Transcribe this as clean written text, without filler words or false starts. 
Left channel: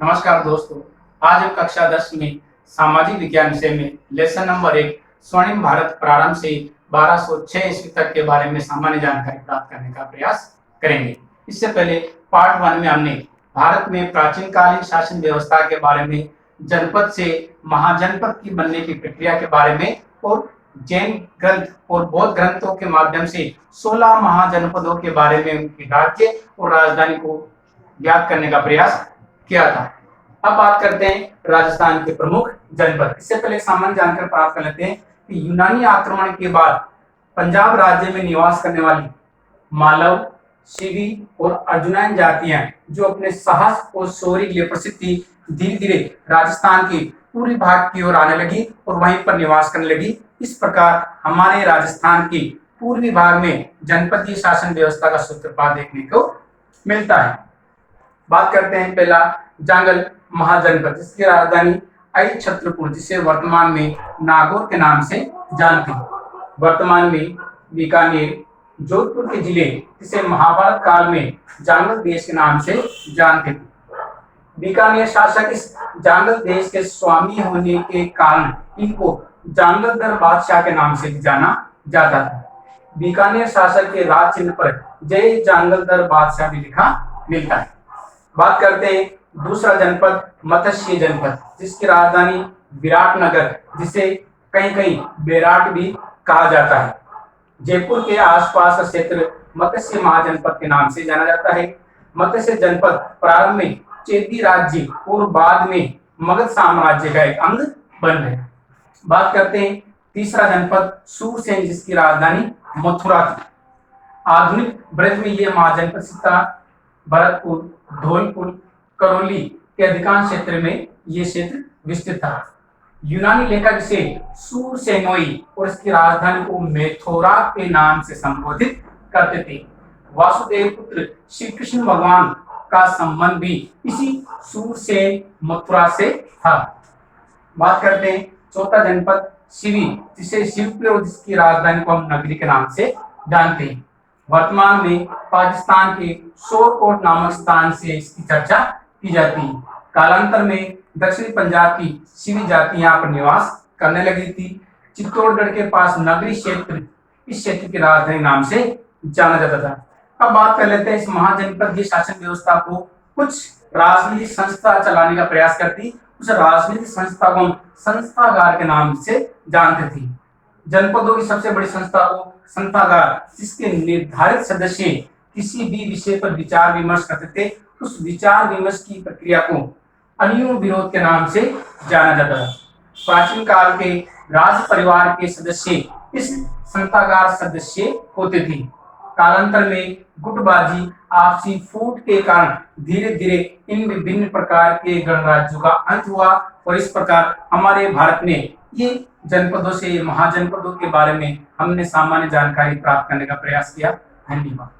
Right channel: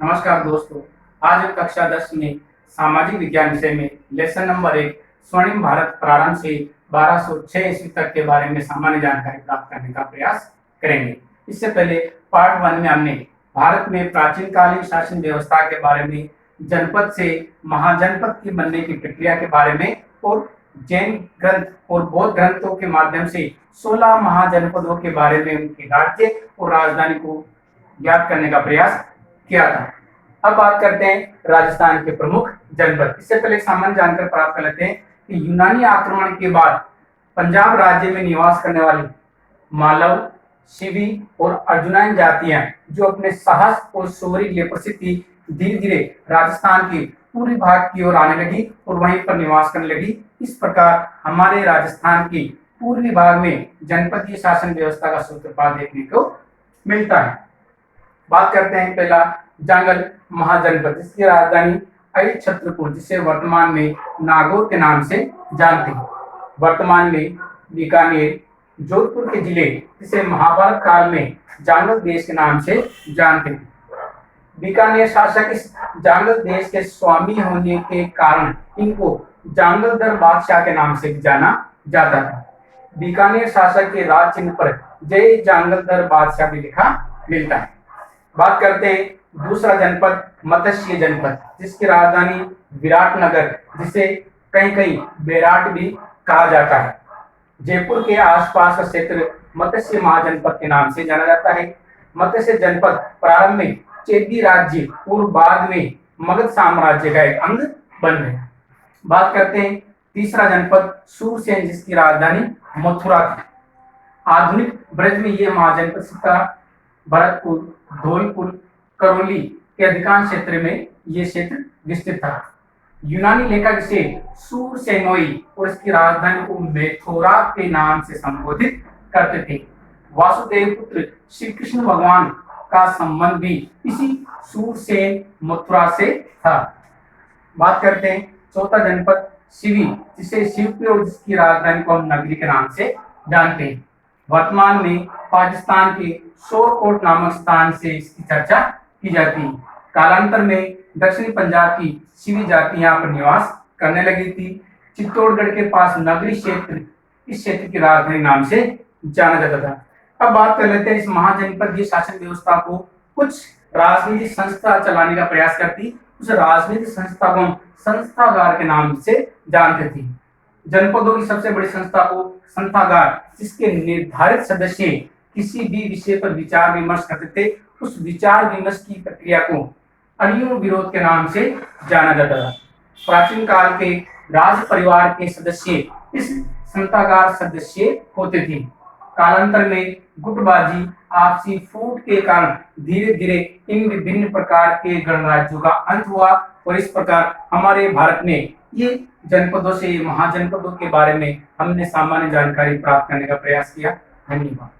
नमस्कार दोस्तों। आज हम कक्षा 10 में सामाजिक विज्ञान विषय में लेसन नंबर 1 स्वर्णिम भारत प्रारंभ से 1206 ईस्वी तक के बारे में सामान्य जानकारी प्राप्त करने का प्रयास करेंगे। इससे पहले पार्ट 1 में हमने भारत में प्राचीन कालीन शासन व्यवस्था के बारे में, जनपद से महाजनपद की बनने की प्रक्रिया के बारे में और जैन ग्रंथ और बौद्ध ग्रंथों के माध्यम से 16 महाजनपदों के बारे में उनके राज्य और राजधानी को ज्ञात करने का प्रयास किया था। अब बात करते हैं राजस्थान के प्रमुख जनपद। इससे पहले एक सामान्य जानकारी प्राप्त कर लेते हैं कि यूनानी आक्रमण के बाद पंजाब राज्य में निवास करने वाली मालव, शिवी और अर्जुनन जातियां जो अपने साहस और शौर्य के लिए प्रसिद्ध थी, धीरे धीरे राजस्थान के पूर्वी भाग की ओर आने लगी और वहीं पर निवास करने लगी। इस प्रकार हमारे राजस्थान के पूर्वी भाग में जनपदीय शासन व्यवस्था का सूत्रपात देखने को मिलता है। बात करते हैं पहला जांगल महाजनपद, जिसकी राजधानी अहिछत्रपुर, जिसे वर्तमान में नागौर के नाम से जानते हैं। वर्तमान में बीकानेर, जोधपुर के जिले जिसे महाभारत काल में जांगल देश के नाम से जानते थे। बीकानेर शासक इस जांगल देश के स्वामी होने के कारण इनको जांगलदर बादशाह के नाम से जाना जाता था। बीकानेर शासक के राज चिन्ह पर जय जांगलदर बादशाह भी लिखा मिलता है। बात करते हैं दूसरा जनपद मत्स्य जनपद, जिसकी राजधानी विराटनगर, जिसे कहीं कहीं बेराट भी कहा जाता है। जयपुर के आसपास का क्षेत्र मत्स्य महाजनपद के नाम से जाना जाता है। मत्स्य जनपद प्रारंभ में चेदी राज्य और बाद में मगध साम्राज्य का एक अंग बन गया। बात करते हैं तीसरा जनपद सूरसेन, जिसकी राजधानी मथुरा थी। आधुनिक ब्रज में यह महाजनपद था। भरतपुर, धौलपुर, करौली के अधिकांश क्षेत्र में यह क्षेत्र विस्तृत था। यूनानी लेखक इसे सूरसेनोई और इसकी राजधानी को मेथोरा के नाम से संबोधित करते थे। वासुदेव पुत्र श्री कृष्ण भगवान का संबंध भी इसी सूरसेन मथुरा से था। बात करते हैं चौथा जनपद शिवी, जिसे शिवपुरी और जिसकी राजधानी को हम नगरी के नाम से जानते हैं। वर्तमान में पाकिस्तान के शोरकोट नामक स्थान से इसकी चर्चा की जाती है। कालांतर में दक्षिणी पंजाब की शिवी जाति यहाँ पर निवास करने लगी थी। चित्तौड़गढ़ के पास नगरी क्षेत्र इस क्षेत्र की राजधानी नाम से जाना जाता था। अब बात कर लेते हैं इस महाजनपदीय शासन व्यवस्था को कुछ राजनीतिक संस्था चलाने का प्रयास करती। उस राजनीतिक संस्था को हम संस्थागार के नाम से जानते थे। जनपदों की सबसे बड़ी संस्था को संस्थागार, जिसके निर्धारित सदस्य किसी भी विषय पर विचार विमर्श करते थे, उस विचार विमर्श की प्रक्रिया को अन्योन्य विरोध के नाम से जाना जाता था। प्राचीन काल के राज परिवार के सदस्य इस संस्थागार सदस्य होते थे। कालांतर में गुटबाजी, आपसी फूट के कारण धीरे धीरे इन विभिन्न प्रकार के गणराज्यों का अंत हुआ और इस प्रकार हमारे भारत में ये जनपदों से महाजनपदों के बारे में हमने सामान्य जानकारी प्राप्त करने का प्रयास किया। धन्यवाद।